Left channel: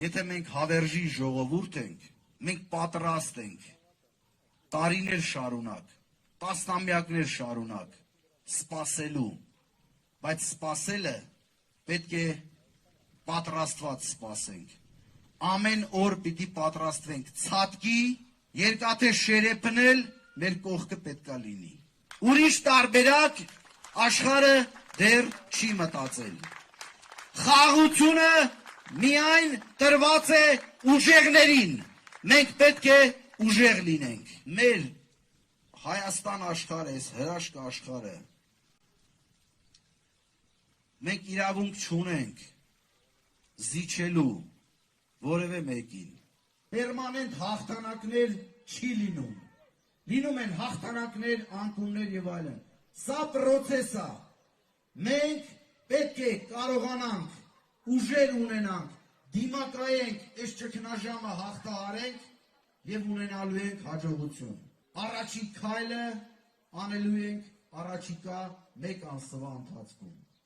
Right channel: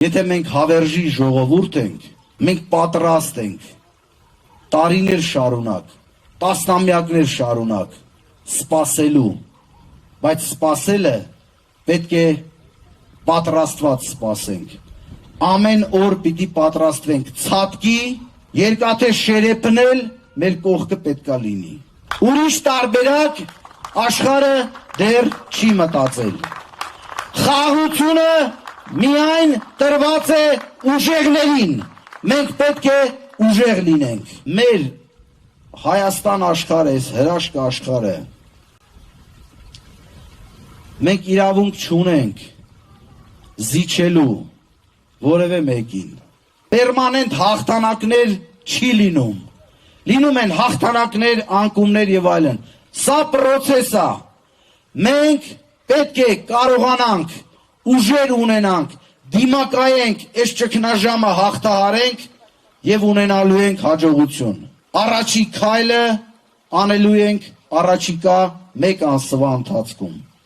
Եթե մենք հավերժի ժողովուրդ ենք, մենք պատրաստ ենք տարիներ շարունակ, տասնամյակներ շարունակ սպասելու, բայց սպասելը պետք է պատրաստված սպասենք։ Ամեն օր պիտի պատրաստվենք ցատկի, երկաթե շերեփն էլ մեր կողքը պետքա լինի։ Ուրիշ տարբերակ աշխարհը դեռ չի մտածել։ Խաղաղությունը միայն տրված է ուժեղներին, մենք պետք է ուժեղ լինենք։ Մեր Հայաստան աշխարհը, այս հրաշք աշխարհը, մենք իրավունք չունենք զիջելու որևէ մեկին։ Պերմանենտ հաղթանակներ չի լինում։ Լինում են հաղթանակներ, անկումներ եւ այլն։ Սա process է։ Մենք պետք է կարողանանք ուժեր ունենանք, դիմակայենք, այս ճգնաժամը հաղթահարենք եւ ունենալու ենք հաջողություն։ Առաջի քայլը անելու ենք առաջիկա մեկ ամսվա ընթացքում։